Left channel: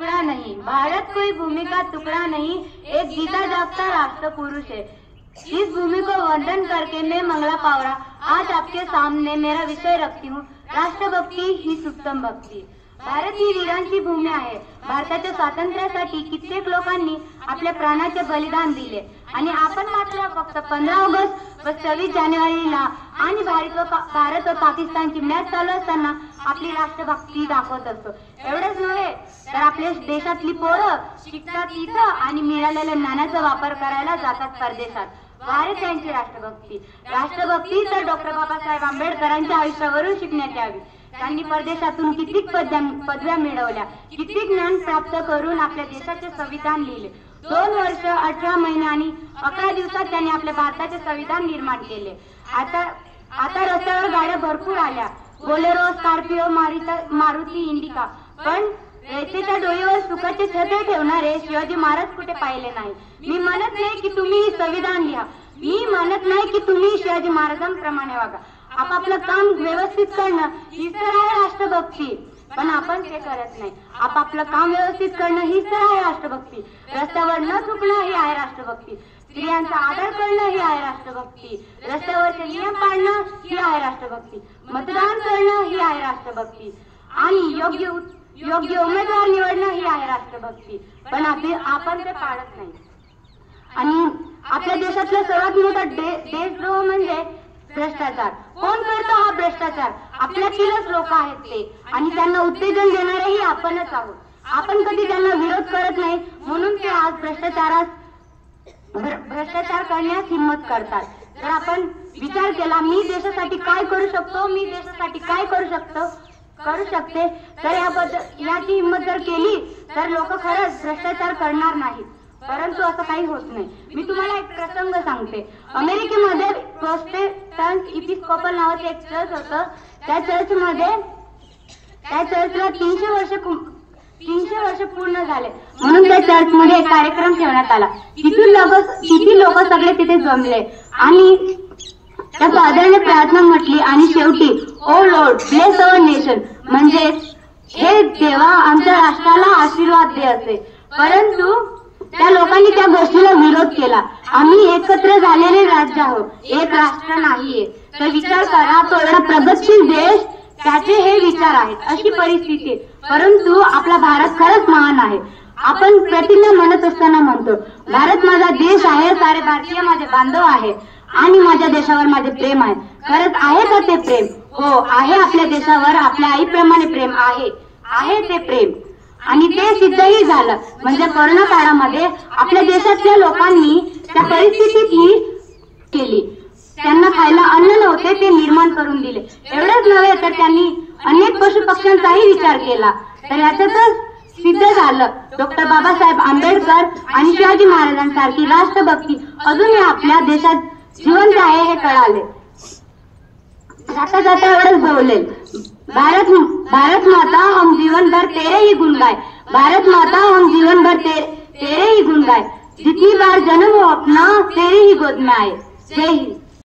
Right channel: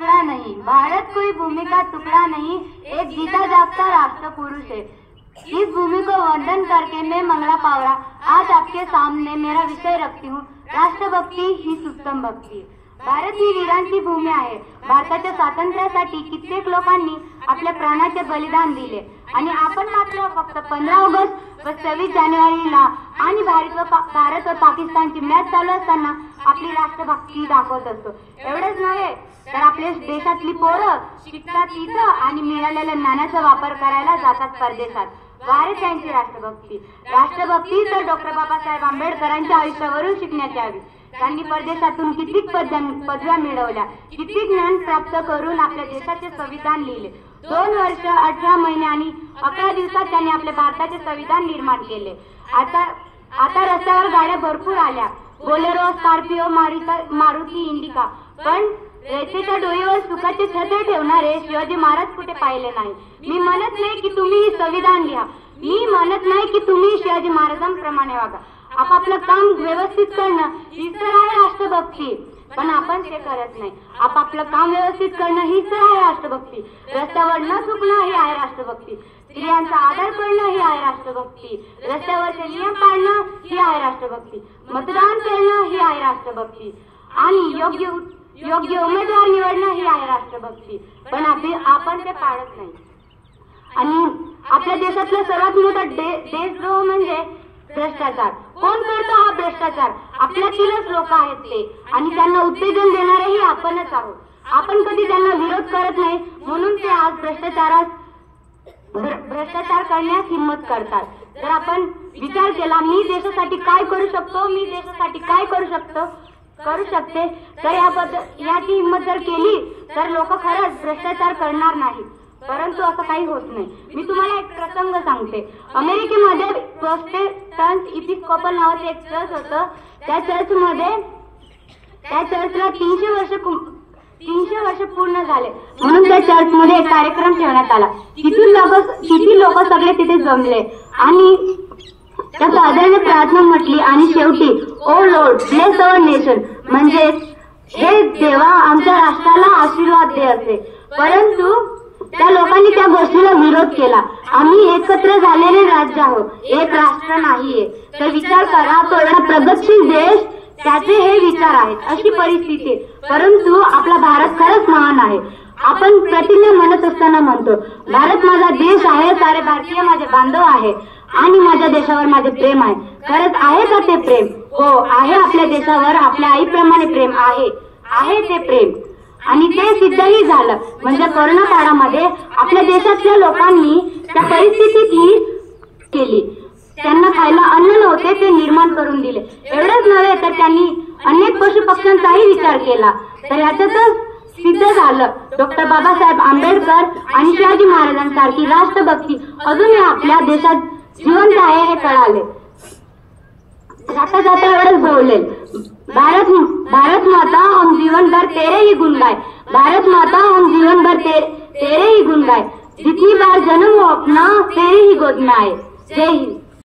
टुकड़ा नहीं, भारत कोई भूमि का टुकड़ा नहीं, एक जीता जागता राष्ट्र पुरुष है। इस भूमि को वंदन करके मैं मंगला पावरा आज आपके सामने मेरा विषय रखती हूँ, राष्ट्रभक्ती ही उत्तम भक्ती। भारत ही वीरांची भूमी आहे। भारताच्या स्वातंत्र्यासाठी कित्येक लोकांनी आपल्या प्राणाचे बलिदान दिले आणि आपण मात्र फक्त 15 ऑगस्ट व 26 जानेवारीला आणि भारत व पाकिस्तानची मॅच चालू असताना आपली राष्ट्रभक्ती दाखवत असतो। एवढेच नव्हे तर आपल्या देशातली पोरं शिकतात इथं आणि मिळालेल्या ज्ञानाचा वापर करायला जातात परदेशात। भारत यांची राष्ट्रभक्ती तर डॉक्टर बाबासाहेब आंबेडकरांच्या आयुष्यावरून शिकण्यात यावी। त्यांनी परदेशातून कित्येक पदव्या मिळवल्या, कित्येक ज्ञान प्राप्त करून आपल्या देशाचे संविधान लिहिले। 2 वर्ष 18 महिने आणि 11 दिवसात त्यांनी आपल्या भारताचे संविधान निर्माण केले। आता रस्त्यावर गाड्या भरपूर आल्या, बोलेरो, स्कॉर्पिओ, मारुती, इंडिका, पण रेतीच्या डोईवर सुखाचे छत्र ठेवणारे शिवाजी महाराज कुठे पाहिले नाही। मी म्हणत नाही की तुम्ही संविधान लिहा, मी म्हणत नाही की तुम्ही शिवाजी महाराजांप्रमाणे वागा। आपापलं काम व्यवस्थित करणं हीच तर आहे राष्ट्रभक्ती, पण आपण ते करत नाही। आपापलं काम व्यवस्थित करणं हीच तर आहे राष्ट्रभक्ती। रस्त्यावर न चुकणं ही आहे राष्ट्रभक्ती, स्त्रियांचा आदर करणं ही आहे राष्ट्रभक्ती, रस्त्यावरचे नियम पाळणं ही आहे राष्ट्रभक्ती, मतदान करणं ही आहे राष्ट्रभक्ती आणि योग्य उमेदवार निवडणं ही आहे राष्ट्रभक्ती, पण आपण ते पाळत नाही। आणि आपल्या देशातला सर्वात मोठा देशद्रोह म्हणजे भ्रष्टाचार। कोण करतो हा भ्रष्टाचार? आपल्यातीलच लोक आहेत ते, आणि त्यांना उत्तेजन देणारेही आपणच आहोत। आपण कधी त्यांना विरोध करत नाही, म्हणून ते आज भ्रष्टाचार करण्यास हिम्मत करतात। जर आपण विचार केला मी देशासाठी काय करू शकतो, मी देशासाठी काय करू शकते, तर याची हिम्मत जर केली तर लोक खरंच भ्रष्टाचार करणार नाही। परंतु असं काही होत नाही। मी तुम्हाला एक प्रसंग सांगते। अमेरिकेमध्ये प्रोटेस्टंट इपिस्कोपल नावाचे एक चर्च होतं। त्या चर्चला 300 वर्ष पूर्ण झाले, म्हणून त्या चर्चमध्ये एक कार्यक्रम ठेवण्यात आला। किती लोक सगळे तिथे जमले आणि त्या फादरने प्रार्थना म्हटली आणि शेवटी ओ लॉर्ड ब्लेस अवर नेशन, म्हणजे हे देवा आमच्या राष्ट्राला आशीर्वाद दे असे। परंतु त्या लोकांनी त्या गोष्टीला विरोध केला। आम्ही एकत्र झालेले राज्य आहोत, एक राष्ट्र नाहीये। तर विचार करा, तो एवढा प्रगतशील देश, त्याचे हे विचार आहेत, अशी परिस्थिती। परंतु आपला भारत खरंच महान आहे। आपण प्रतिज्ञा म्हणत असताना म्हणतो भारत माझा देश आहे, सारे भारतीय माझे बांधव आहे आणि माझ्या देशावर माझे प्रेम आहे। खरंच आहे का ते प्रेम? हो आहे, आपल्या देशावर आपल्या आईप्रमाणे प्रेम आहे ते प्रेम, आणि ते सिद्धही झालं। म्हणजे कोरोना काळामध्ये आपल्या देशातल्या लोकांनी त्या परिस्थितीत ही केली, त्यांना खायला अन्न नव्हते ते निर्माण करून दिले। एवढंच नव्हे तर त्यांनी अनेक पशु पक्ष्यांचाही विचार केला। तर याच्यातच सिद्ध झालं डॉक्टर बाबासाहेब आंबेडकर आणि शिवाजी महाराजांसारखी राष्ट्रभक्ती अजूनही आपल्या देशात जिवंत आहे हे कळाले। जाता एवढंच बोलले, भारत माता हम जीवन भर तेरे ही गुण गाए, भारत माता हम जीवन भर तेरे ही गुण गाए, जितनी बार जन्म हो अपना तेरे ही गोद में आए। जय हिंद।